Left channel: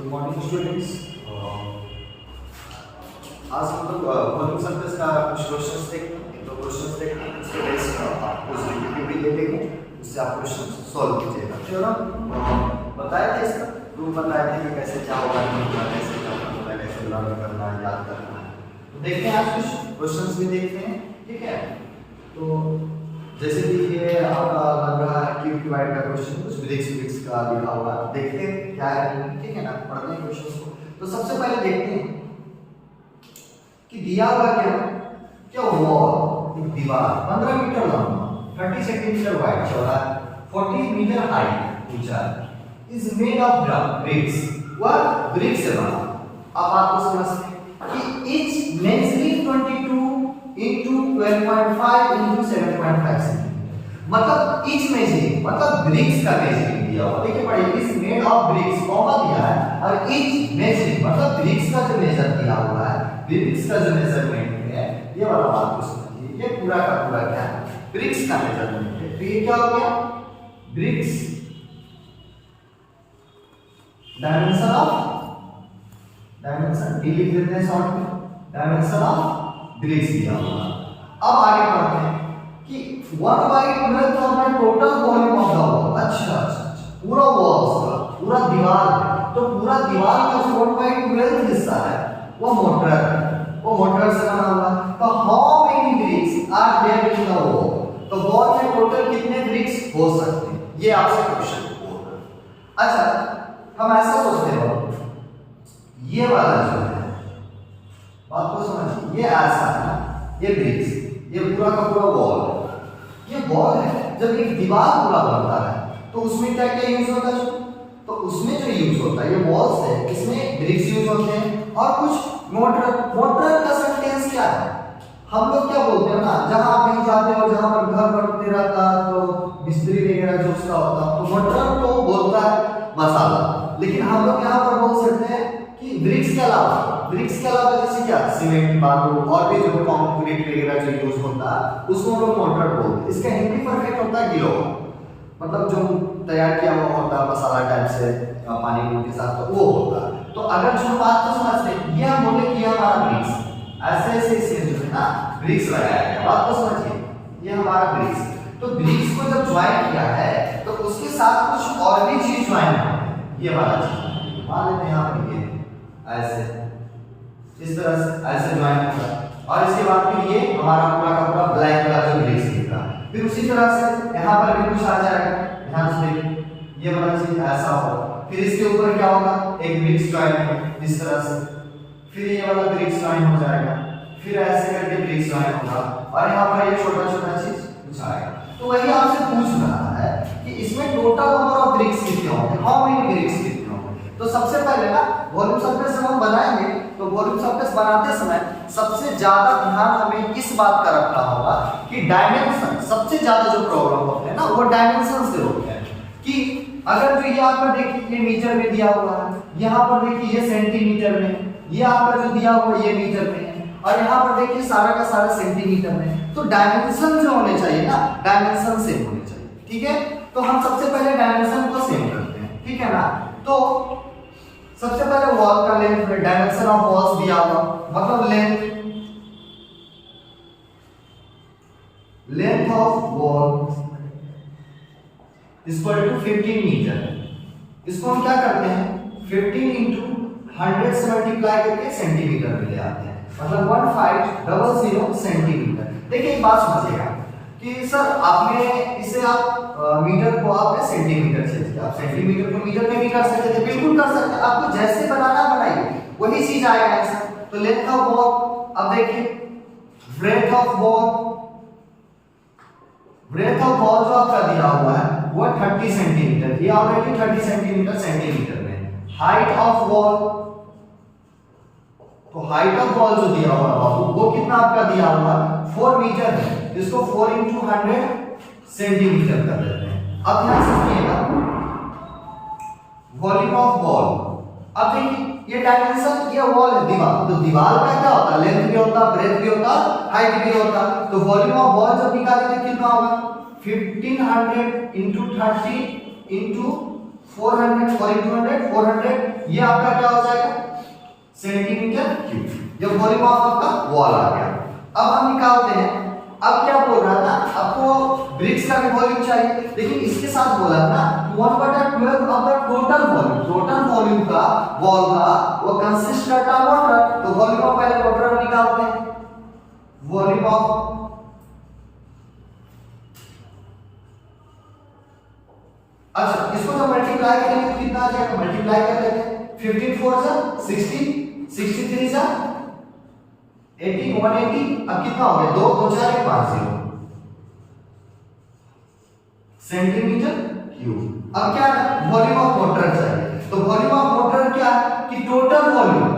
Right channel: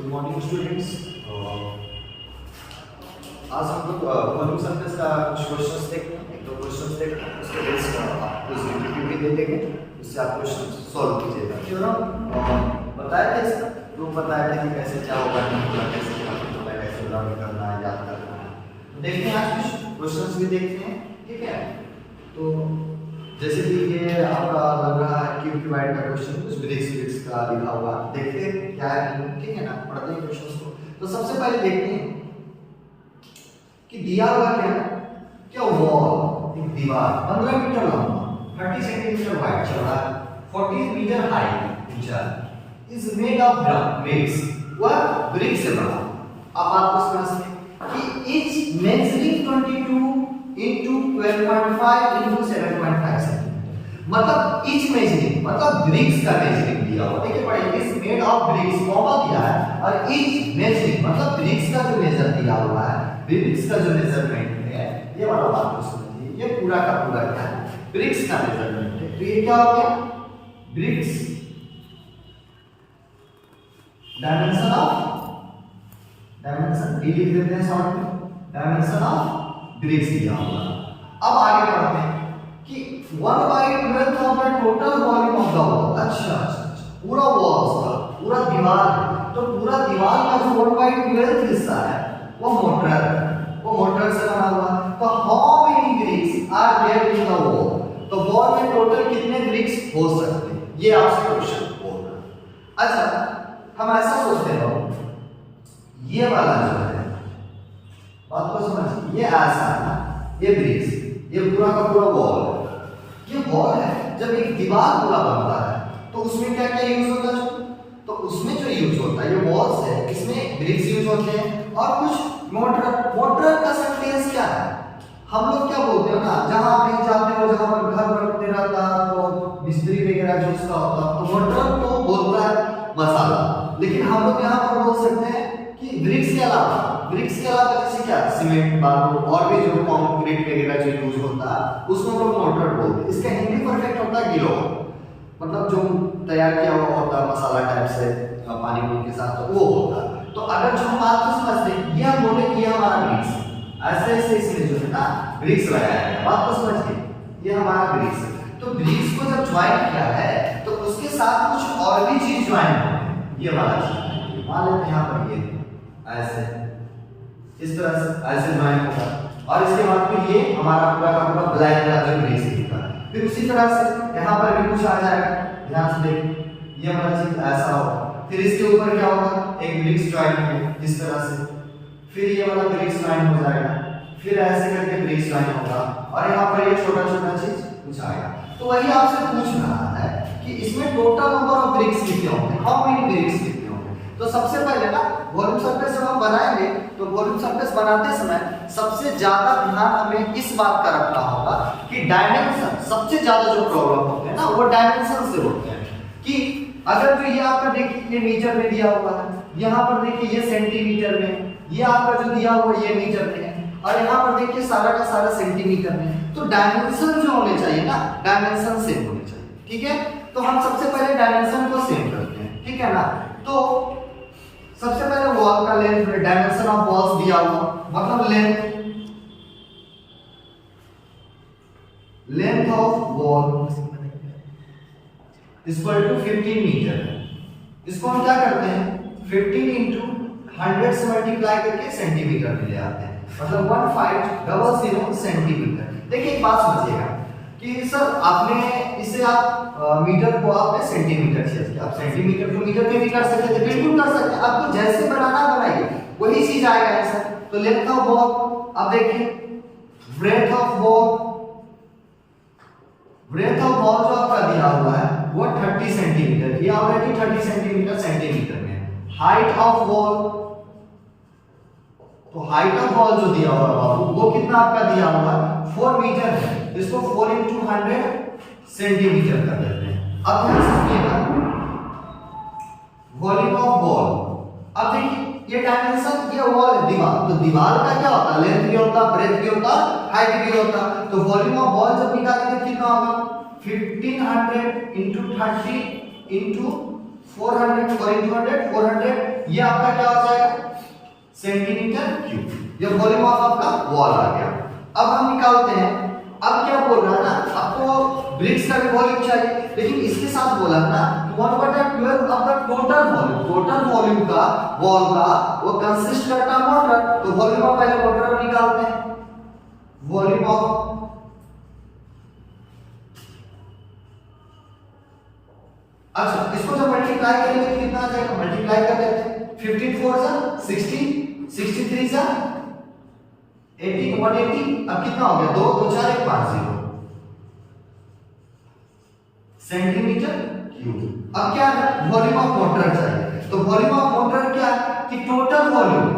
Good morning students. आज हम लोग वॉल्यूम सरफेस का कुछ क्वेश्चंस देखेंगे, एक दो क्वेश्चंस देखेंगे, उसके बेस पर आपको एक्टिविटी दे देंगे, उससे आप क्वेश्चन सॉल्व कीजिएगा। थ्योरम बताया था, इसका प्रूफ बताया था कि कैसे क्या होगा, कैसे क्या होगा, कैसे लर्न करना है, याद करना है। तो देखते हैं आज कुछ क्वेश्चंस भी देखते हैं, ठीक है। तो जैसे कि ये आपका लग रहा है क्यूब डिवाइड का क्वेश्चन, कुछ फिजिक्स का लिखा हुआ, देखते हैं क्या है, ठीक है ना, पढ़ते हैं क्वेश्चंस को। तो सबसे पहले देखते हैं कि दिया हुआ क्या वॉल, एक दीवार 15 मीटर लंबा, 30 सेंटीमीटर वाइड, चौड़ा, 40 मीटर हाइट, ऊंचा, इज मेड ऑफ ब्रिक्स, वह ब्रिक्स से बना। अब आपको समझते हैं कि etch measuring 22 into 12.5 into 7.5 centimetre, मतलब इच मेजरिंग मतलब ब्रिक्स का मेजरिंग दिया हुआ, देखिए पढ़िए, is made of BRICS comma दिया है, और इच मेजरिंग मतलब ब्रिक्स का जो मेजर दिया हुआ है, ब्रिक्स का जो मेजरमेंट है, ये वाला बात को समझिए, ये पूरा का पूरा क्या है, ब्रिक्स का मेजरमेंट है। तो ये क्या हो गया, ब्रिक्स डायमेंशन डी लिख देते हैं शॉर्ट में, डायमेंशन ऑफ ब्रिक्स दिया हुआ। अब आगे बढ़ते हैं कि 1/12 of the total volume of the wall. अच्छा, पूरा वॉल उसका पूरा दीवार है, तो पूरा दीवार का 4/12 हिस्सा है वो मोटर है, वो मोटर से बना हुआ है। तो how many bricks are there in the wall, तो वॉल में टोटल कितने ब्रिक्स हो सकते हैं, ये आपसे क्वेश्चन बोल रहा है। अच्छा, हम ऐसा सोचते हैं, ये वाला जो है, बात को समझ, ये ऐसा है ना, ये ब्रिक्स, ये पूरा का पूरा वॉल है, ये वॉल है। जब एक दीवार पूरा बनता है तो उसमें क्या क्या यूज होता है, तो उसमें जो यूज होता है, ये वॉल्स है, इसमें ब्रिक्स यूज होते हैं, और कुछ मोटर का सेंटेंस क्या है, हम लोग क्या बोलते हैं ना, जहां आप कहीं जाते हो, जहां पर घर बनते रहता है, तो मिस्त्री वगैरह जो उसका होता है, तो मोटर तो बोलता है मसाला, लेकिन हम लोग यहाँ पर बोल सकते हैं कि ब्रिक्स के अलावा जैसे क्या, सीमेंट, बालू और भी जो कंक्रीट वगैरह जो यूज होता है, उसको हम लोग मोटर बोलते हैं। इसका हिंदी परफेक्ट होता है गिलो, मतलब जो तैयार किया हुआ होता है मसाला टाइप से पानी के साथ, तो वो होता है। तो अगर जो बात को समझते हैं, ये हम बोले कि हमारा ब्रिक्स, ऐसे इसमें जो है ना ब्रिक्स लगाया है, बात को समझिए, ये हमारा ब्रिक्स। तो ब्रिक्स को जब ज्वाइन किया है तो उसके साथ कुछ और भी चीज ज्वाइन है, ये वाला चीज मान लेते हैं यहाँ पर, ये ऐसे इस तरह से ऐसे ज्वाइन होगा, और इसके बाद फिर ये हमारा पूरा का पूरा ब्लैक कलर जो ब्रिक्स दिखा, फिर उसी तरह से यहाँ पर भी कुछ आ जाएगा, ध्यान से देखिए, ये वाला चीज ऐसा होगा, फिर इसके ऊपर क्या होगा, एक ब्रिक्स ज्वाइन है इस तरह से, फिर ये वाला ब्रिक्स ज्वाइन हो जाएगा, फिर ऐसे करके ब्रिक्स ज्वाइन होगा, और यहाँ पर ये छोटा छोटा चीज कुछ आएगा। तो वही आपसे पूछ रहा है कि इसमें टोटल नंबर ऑफ ब्रिक्स कितने होंगे, हाउ मेनी ब्रिक्स कितने होंगे। तो सबसे पहले ना वॉल्यूम सरफेस जब हम बनाएंगे, तो वॉल्यूम सरफेस बनाते समय सबसे ज्यादा ध्यान हमें इस बात का रखना होगा कि डायमेंशन, सबसे ज्यादा जो प्रॉब्लम होते हैं ना वो डायमेंशन से होते हैं। कि अगर जो ये आप देखिए, ये मीटर में दिया हुआ है, यहाँ पर देखिए ये सेंटीमीटर में, ये आपका जो दिया हुआ ये मीटर में, और यहाँ पर देखिए सारा का सारा सेंटीमीटर में, तो डायमेंशन जो होने चाहिए ना, डायमेंशन सेम होने चाहिए, ठीक है। तो हम सबसे पहले डायमेंशन को सेम करते हैं, ठीक है ना। तो सबसे पहले वॉल का लेंथ, डायमेंशन ऑफ वॉल्स दिया हुआ, मतलब length of wall equal to 15 metre. इसको हम क्या करते हैं, 15 into 100 से मल्टीप्लाई करके सेंटीमीटर में ले आते हैं, मतलब 1500 सेंटीमीटर। देखिए एक बात समझिएगा कि सर आपने इसे आप मीटर को आपने सेंटीमीटर से किया, आप सेंटीमीटर को मीटर में भी कर सकते थे, बिल्कुल कर सकते हैं, आपको जैसे बनाना बनाइए, वही चीज आएगा ऐसा। तो लेंथ ऑफ वॉल, अब देखिए ब्रेथ ऑफ वॉल जो आपका दिया हुआ है वो 30 सेंटीमीटर, ये ऑलरेडी 30 सेंटीमीटर में। हाइट ऑफ वॉल, तो हाइट ऑफ वॉल जो दिया हुआ है बाबू, वो कितना आपका दिया हुआ है, 4 मीटर है, इसको 4 into 100 सेंटीमीटर कर देते हैं। अब ध्यान से सुनिएगा, वॉल्यूम ऑफ वॉल, अब देखिए ये डायमेंशन, ये वॉल है दीवार, तो दीवार का क्या होता है, लेंथ भी होता है, ब्रेथ भी होता है, हाइट भी होता है। तो वॉल्यूम ऑफ वॉल जब निकालेंगे कितना होगा, 1500 into 30 into 400, 4 into 100, 400 ये आपका क्या हो जाएगा सेंटीमीटर क्यूब। ये वॉल्यूम ऑफ आपका वॉल आ गया। अब हम निकालते हैं, अब क्या बोल रहा था आपको ब्रिक्स का भी वॉल्यूम चाहिए, लेकिन इसके साथ बोला ना 1/12 आपका टोटल वॉल्यूम का वॉल का वो कंसिस्ट करता है वाटर। तो वॉल्यूम ऑफ पहले वाटर को निकालते हैं, वॉल्यूम ऑफ अच्छा इसको जब मल्टीप्लाई करेंगे तो कितना आ जाएगा, मल्टीप्लाई कर लेते हैं 15 4 सा 60 63 सा 18 180 अब कितना हो गया 2 2 4 1 5 0 सेंटीमीटर क्यूब। अब क्या है वॉल्यूम ऑफ वाटर चाहिए, तो वॉल्यूम ऑफ वाटर क्या कि टोटल वॉल्यूम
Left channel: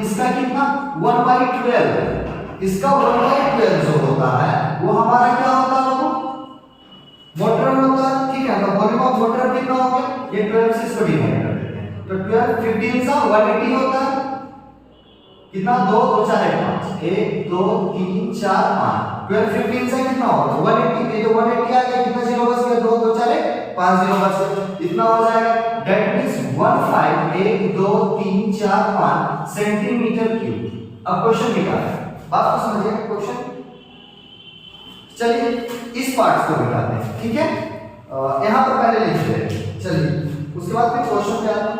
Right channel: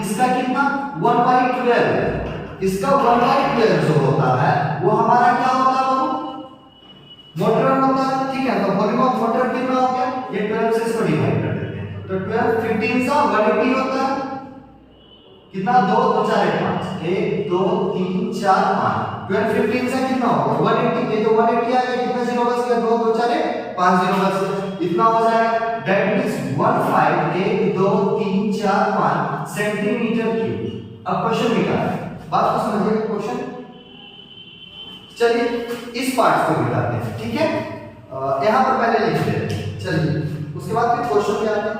इसका कितना 1/12, इसका 1/12 जो होता है वो हमारा क्या होता है वाटर होता है, ठीक है। तो वॉल्यूम ऑफ वाटर कितना हो गया, ये 12 से इसको डिवाइड कर देते हैं, तो 12 15 सा 180 होता है कितना 2 2 4 1 5 1 2 3 4 5 12 15 से कितना होगा 180 पे तो 180 आ गया, कितना जीरो बच गया 2 2 4 1 5 जीरो बच गया, इतना हो जाएगा दैट इज 15 1 2 3 4 5 सेंटीमीटर क्यूब। अब क्वेश्चन निकालना है, बात को समझिएगा क्वेश्चन। चलिए इस पार्ट को मिटाते हैं, ठीक है। यहां पर पहले लिख देते हैं, चलिए उसके बाद फिर क्वेश्चन पे आते हैं,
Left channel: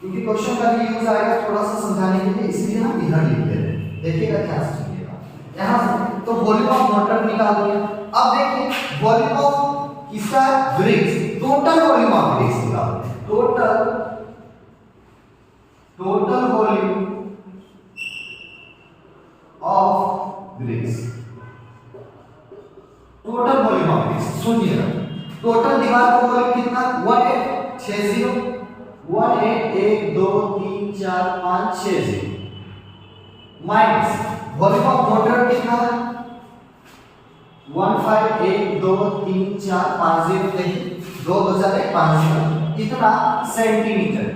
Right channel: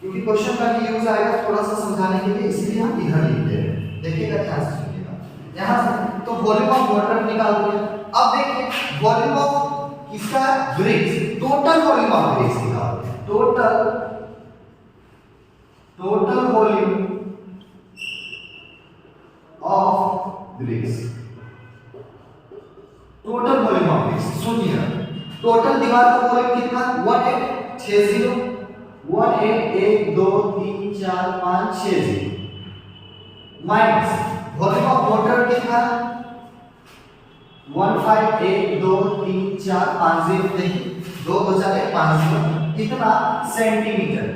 क्योंकि क्वेश्चन का भी यूज आएगा थोड़ा सा समझाने के लिए, इसलिए हम इधर लिख दे रहे हैं। देखिएगा ध्यान से सुनिएगा, यहां से तो वॉल्यूम ऑफ वाटर निकाल दो। अब देखिए वॉल्यूम ऑफ इसका bricks, total volume of bricks निकालते हैं, total volume of bricks, total volume of bricks सुनिए, टोटल दीवार का वॉल्यूम कितना 1860 18 1 2 3 4 5 6 0 माइनस वॉल्यूम ऑफ वाटर कितना 15 1 2 3 4 5 0 देखिए 2 2 4 1 5 0 कितना सेंटीमीटर।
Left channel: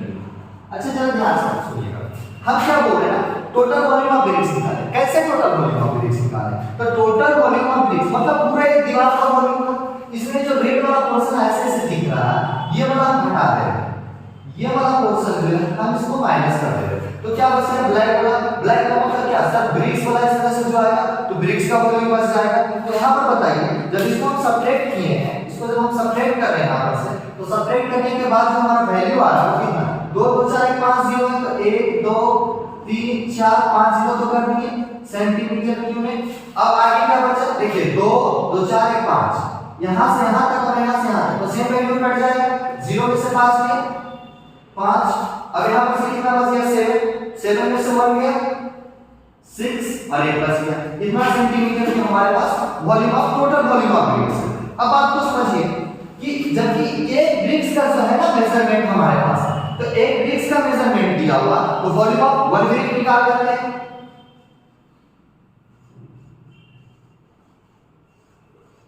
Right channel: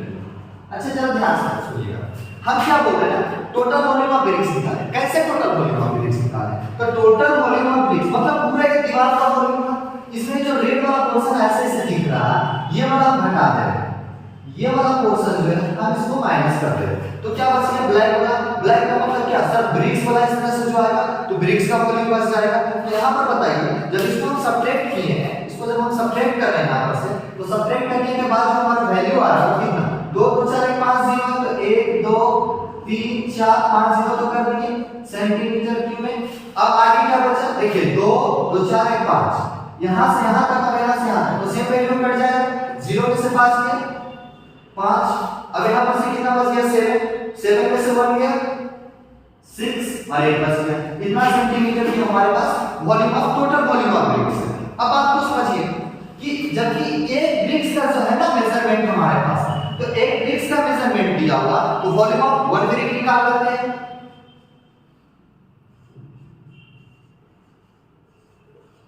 अच्छा चलो ध्यान से सुनिएगा, हम क्या बोल रहे हैं टोटल वॉल्यूम ऑफ ब्रिक्स निकालें। कैसे टोटल वॉल्यूम ऑफ ब्रिक्स निकालें, तो टोटल वॉल्यूम ऑफ ब्रिक्स मतलब पूरे दीवार का वॉल्यूम ना, इसमें जो रेड वाला पोर्शन ऐसे ऐसे दिख रहा है ये वाला हम हटा दे रहे हैं, ये वाला पोर्शन जो है हम इसको माइनस कर दे रहे हैं, तो क्या बच गया ब्लैक वाला। ब्लैक का मतलब क्या सर ब्रिक्स वाला इस तरह से जो आएगा तो ब्रिक्स का वॉल्यूम बच जाएगा। तो यहां पर बताइए जब इसको हम सब्ट्रैक्ट किए हैं, इसको जब हम सब्ट्रैक्ट कर रहे हैं यहां पर से, तो सब्ट्रैक्ट करने के बाद जो हमारा वैल्यू आ रहा है कितना 2 2 4 1 5 0 है, तो 1 2 3 4 5 0 तो कर दिए सेंटीमीटर क्यूब में। अब आगे क्या बचा देखिए 2 2 4 1 5 यहां से यहां तक और यहां से यहां तक, तो सेम वैल्यू कट जाएगा 0 में से 5 गया 5, अब यहां पर से कितना बच गया 7 7 में से 1 गया 6 और 1 बच गया, इतना सेंटीमीटर की हमारे पास volume of total volume of bricks. अब आप तो समझिए कि जबकि एक ब्रिक्स का जो है ना मेजरमेंट हमारे पास, तो एक ब्रिक्स का मेजरमेंट दिया हुआ तो वॉल्यूम ऑफ 1 ब्रिक निकाल लेते हैं।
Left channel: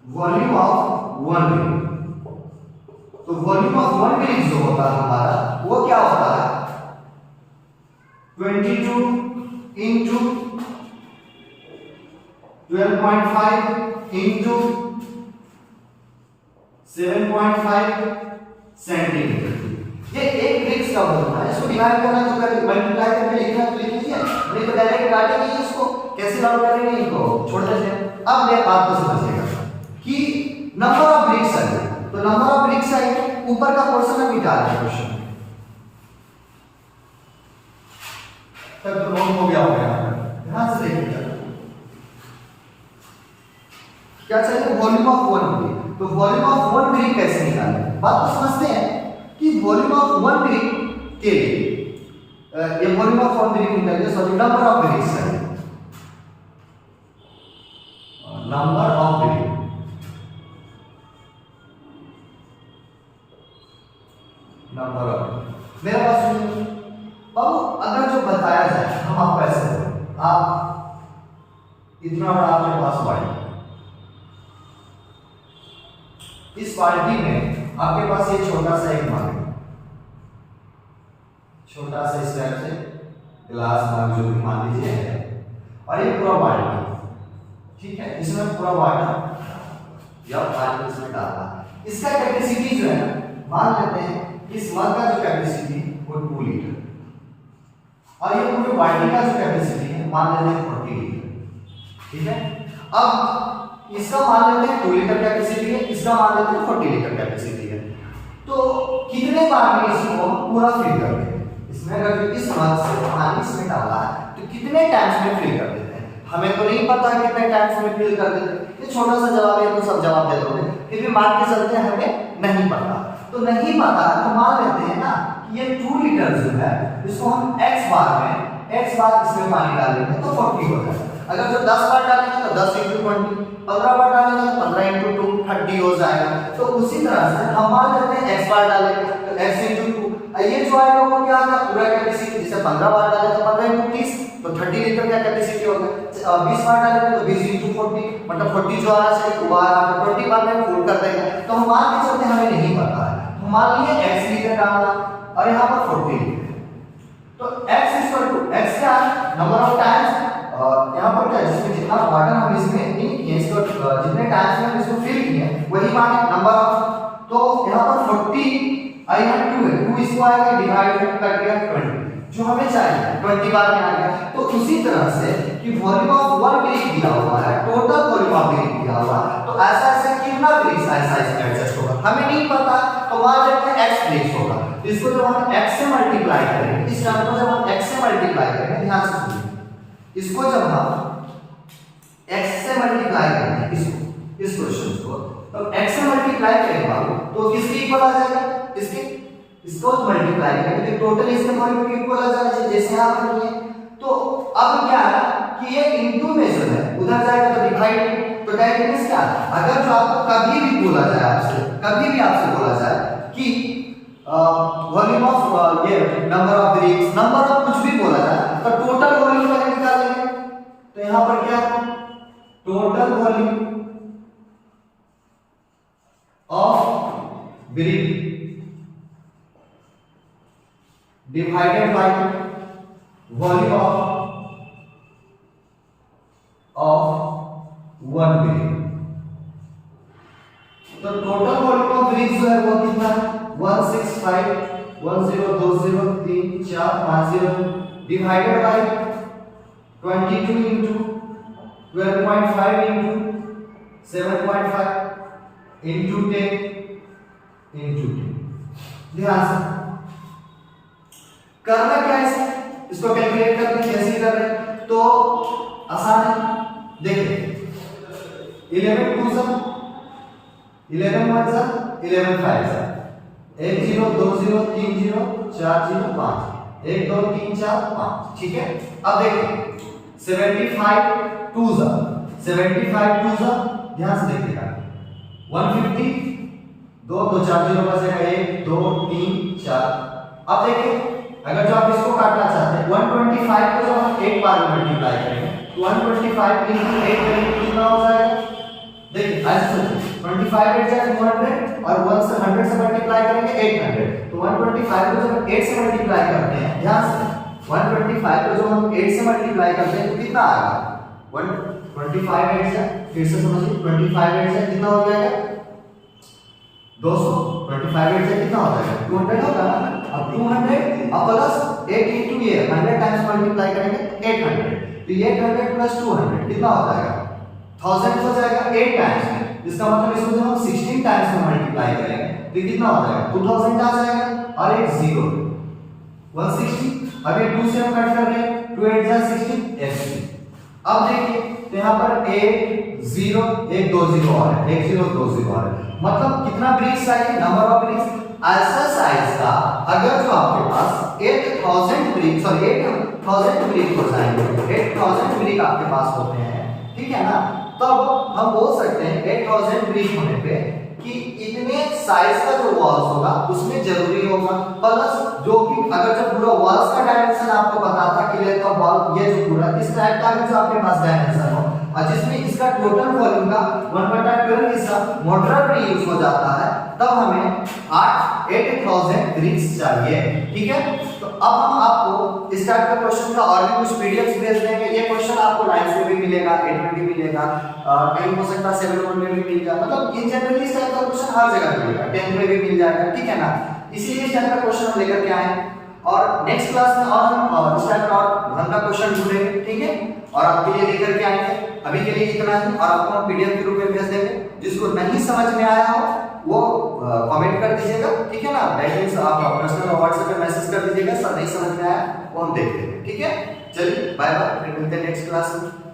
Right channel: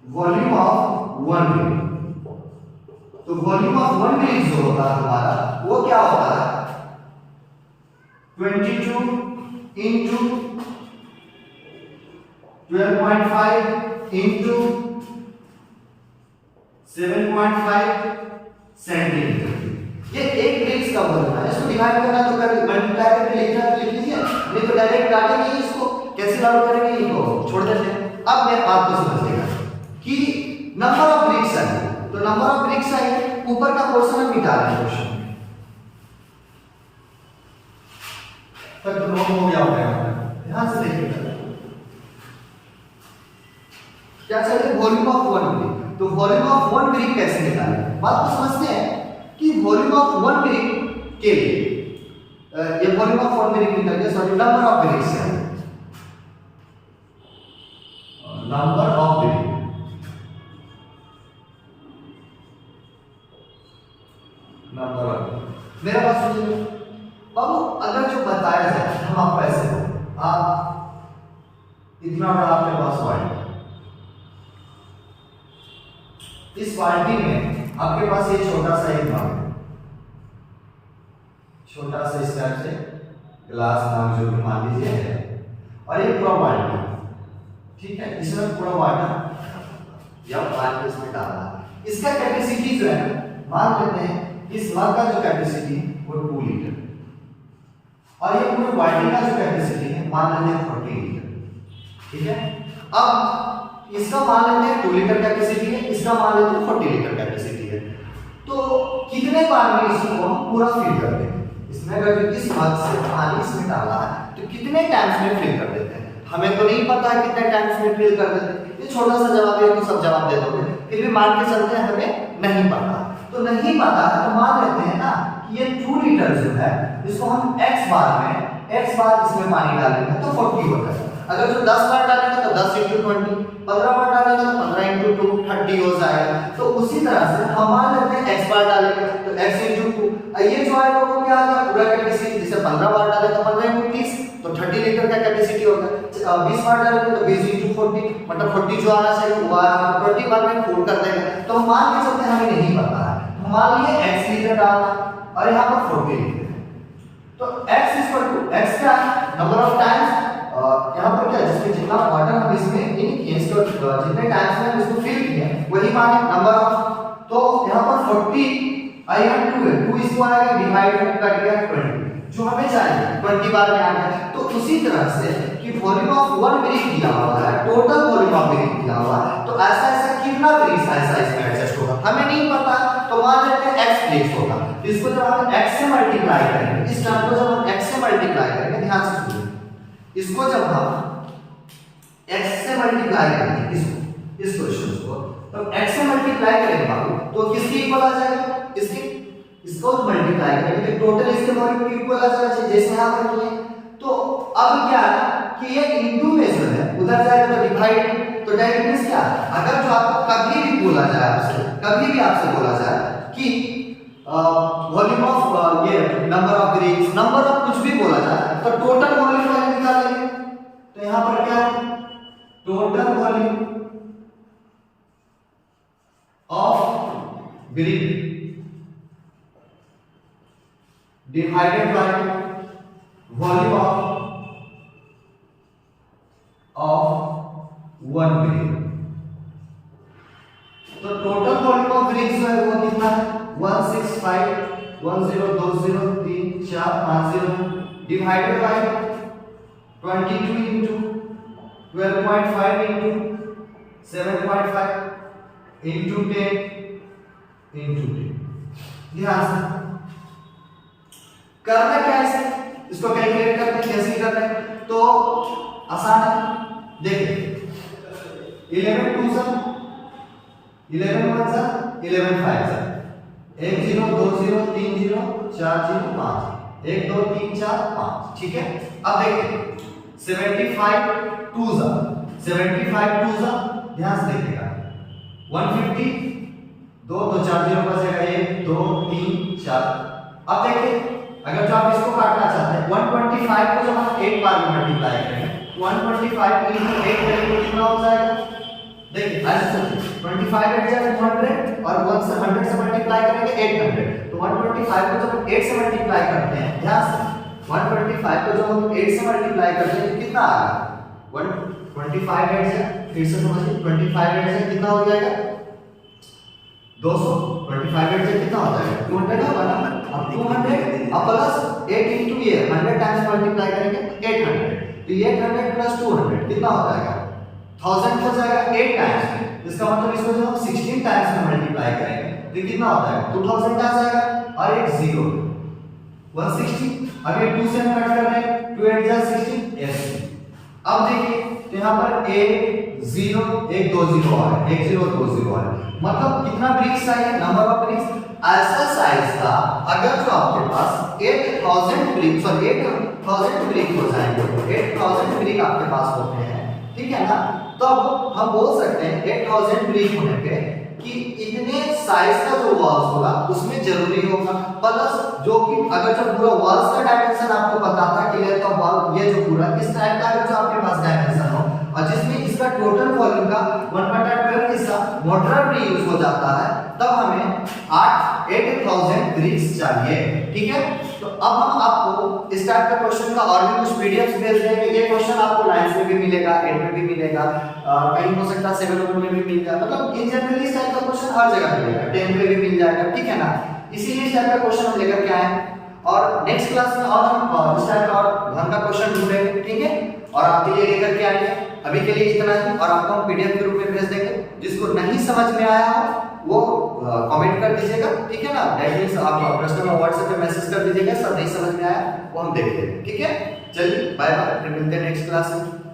वॉल्यूम ऑफ 1 ब्रिक, तो वॉल्यूम ऑफ 1 ब्रिक जो होता है हमारा वो क्या होता है 22 into 12.5 into 7.5 सेंटीमीटर। ये एक ब्रिक्स का वॉल्यूम है, इसको डिवाइड करना तो कर मल्टीप्लाई करके लिखना तो लिख लीजिए, नहीं तो डायरेक्ट काटेंगे इसको, कैसे आउट करेंगे इनको छोड़ देते हैं। अब मैं आपको समझिएगा कि नंबर ऑफ ब्रिक्स है, तो नंबर ऑफ ब्रिक्स है ऊपर का पोर्शन हम निकाल रहे हैं क्वेश्चन में, तब तो नोट हो गया होगा। ध्यान से देखिएगा क्या चाहिए वॉल्यूम ऑफ 1 ब्रिक, तो वॉल्यूम ऑफ 1 ब्रिक कैसे निकालें, बात को समझते हैं कि वॉल्यूम ऑफ 1 ब्रिक के लिए ये वॉल्यूम ऑफ 1 ब्रिक निकालिए, सॉरी नंबर ऑफ ब्रिक्स है, number of brick, number of मेरे पास सुनिए बाबू, अगर जो बताया जाए हम आपको ऐसे आप इतना बड़ा आपके पास वाइट, इस बाल्टी में आपके पास ये छोटा सा एक मग, छोटा सा इस टाइप से ग्लास मग जो भी मान लीजिए है, और ये पूरा बाल्टी, ठीक है, इसमें पूरा वाटर या पानी इसमें डालना, इसका कैपेसिटी जो है ना, मान लेते हैं इस मग का जो कैपेसिटी है वो 2 लीटर, और ये पूरे बाल्टी का जो कैपेसिटी है मान लेते हैं 40 लीटर। ठीक है, अब इसका मान लेते हैं 2 लीटर कैपेसिटी है, इसका मान लेते हैं 40 लीटर कैपेसिटी है। तो कितने बार में इसको हम पूरा फिल कर देंगे? इसमें अगर इस मग से पानी इसमें डाला है तो कितने टाइम्स में फिल कर देते हैं? हमें तो नहीं पता है कितने टाइम्स में फिल कर देते हैं, ये छोटा सा जवाब है तो सब जवाब दे दोगे, फिर भी मान के चलते हैं हमें नहीं पता। तो नहीं पता है तो मान लेते हैं ना कि ये 2 लीटर जो है इसको हम x बार इसमें पानी डालेंगे तो 40 हो जाएगा। अगर जो 10 बार डालेंगे तो 10 × 20, 15 बार डालेंगे तो 15 × 2 30 हो जाएगा। तो उसी तरह से हम मान लेते हैं x बार डालेंगे तो x × 2, ये जो आएगा वो क्या होगा? पूरा कैपेसिटी, जैसे 15 बार डालेंगे तो 15 × 30 तो 30 लीटर का कैपेसिटी होगा। 20 बार डालेंगे तो 20 × 40, मतलब 40 जो आना चाहिए वो आ रहा है, 20 बार में फुल कर देंगे। तो हम मान के चलते हमें नहीं पता है, तो मान लिए x लीटर डालना और यहाँ पर 40 लीटर, तो x का नंबर ऑफ टाइम्स, यहाँ पर क्या जिसमें जितना वाटर हम इसमें इन किए, इसको जितने टाइम्स में हम इसको फिल किए वही माने नंबर ऑफ। तो यहाँ पर 40 और यहाँ 2 है, 2 इसको आएगा डिवाइड कर दिया 20, जो हमें चाहिए 20 बार में आ गया। तो उसी तरह से कि वॉल्यूम ऑफ 1 ब्रिक दिया हुआ है, टोटल वॉल्यूम ऑफ ब्रिक दिया हुआ है, तो ऐसा ऐसा कितना ब्रिक ऐसा इसमें एडजस्ट होगा हमें नहीं पता, तो मान लेते हैं x ब्रिक्स होगा। इसको जब हम x से मल्टीप्लाई करेंगे, इस टर्म को जब हम x से मल्टीप्लाई करेंगे, ध्यान से सुनिए, इसको जब हम x से मल्टीप्लाई करेंगे इस क्वेश्चन को, तो x से मल्टीप्लाई करेंगे बाबू तो किसके इक्वल आ जाएगा? इसको मल्टीप्लाई करेंगे तो टोटल इसके वॉल्यूम के इक्वल आ जाएगा, जैसे यहां पर किए। तो अब क्या है कि ये इनटू में जो है उधर जाएगा तो डिवाइड, तो दैट मींस क्या, अगर जो आपको कभी भी बोला जाए आपसे बोला जाए कि वॉल्यूम ऑफ ये number of BRICS, number of कुछ भी बोला जाए तो टोटल वॉल्यूम का निकालेंगे। तो यहां पर क्या है, total volume of brick divided by volume of 1 brick. तो टोटल वॉल्यूम ऑफ ब्रिक जो है वो कितना है? 165100345 divided by 22 into 12.5 into 7.5 into 10 into 10। ध्यान से करना क्या है, इसको कैलकुलेट करते हैं, कैसे कर रहे हैं तो आसान है। देखिए 11 2 सा 11 1 सा 11 5 सा 1 0 2 0 3 0 4 0 5 1 2 3 4 5। ठीक है, अब देखिए 75 2 सा ध्यान से देखिएगा 150 2 2 4 0 बचेगा 1 2 3 4। अब देखिए अगर जो आप इसको काटना चाहते हैं 125 को जब हम 8 बार में मल्टीप्लाई करेंगे 125 into 8 करेंगे कितना हो जाएगा? देखिए ऐसे 25 8 जाएगा 200 और 1 से 100 से मल्टीप्लाई करेंगे 800। तो 125 को जब 8 से मल्टीप्लाई करते हैं, ध्यान से 125 को जब हम 8 से मल्टीप्लाई करते हैं तो कितना आएगा? 125 8 से फिर से समझिए 25 8 से कितना हो जाएगा? 200। 25 8 से कितना हो जाएगा? 200 होगा ना। अब 200 अब प्लस 8 into ये 100 टाइम्स मल्टीप्लाई करेंगे 800, तो 800 प्लस 200 कितना हो जाएगा? 1000 हो जाएगा 8 टाइम्स। इसका मतलब इसको जब हम 16 टाइम्स में मल्टीप्लाई करेंगे तो कितना हो जाएगा? 2000 आ जाएगा और एक 0 160। अब ये 2 से हम कट कर रहे हैं 2 8 जा 16 80। अब देखिए तो यहां पर 1 0 1 2 0 आ रहा है, 1 0 2 0 आ रहा है, मतलब कितना ब्रिक्स चाहिए? नंबर ऑफ ब्रिक्स ऐसा साइज का अगर जो आपके पास 8000 ब्रिक सॉरी 8000 ब्रिक हो जाएंगे, 8000 ब्रिक आपके पास होते हैं, ठीक है ना, तब हम बोल सकते हैं 8000 ब्रिक होने पे कि इतने साइज का जो वॉल्स होगा उसमें जरूरी होगा, प्लस जो कि अगर जो पूरा वॉल्स का डायमेंशन आपको पता था क्लियर का वॉल ये जो पूरा इस टाइप का अगर जो आपके पास डायमेंशन हो और जिसमें इसका टोटल वॉल्यूम का 1/12 हिस्सा मोटर में यूज हो जाता है, तब हमें 8000 ब्रिक्स चाहिए। ठीक है, तो अब हम आपको इस टाइप का क्वेश्चन का और भी कुछ पीडीएफ भेज देंगे। ये क्वेश्चन आपको 9 से भी मिलेगा, 8 में भी मिलेगा, कहीं हो सकता है 7 में भी मिल जाए, मतलब इन जनरली इस टाइप का क्वेश्चन हर जगह मिलेगा, 10 में भी मिल जाएगा, ठीक है ना। इसीलिए इस टाइप का क्वेश्चन हम लेकर के आए हैं और नेक्स्ट क्लास में और हम इस टाइप का वन का क्वेश्चन ढूंढेंगे, ठीक है, और आपके लिए लेकर के आएंगे। अभी के लिए इतना ही और आपको हम पीडीएफ के रूप में भेज देंगे। जिसको नहीं समझ में आया हो वो कमेंट कर दीजिएगा, ठीक है ना, डायरेक्टली आप पर्सनल व्हाट्सएप पे मैसेज कर दीजिएगा, सब नहीं समझ में आया वो हम देख लेंगे, ठीक है। चलिए बाय बाय, फिर मिलते हैं नेक्स्ट क्लास में।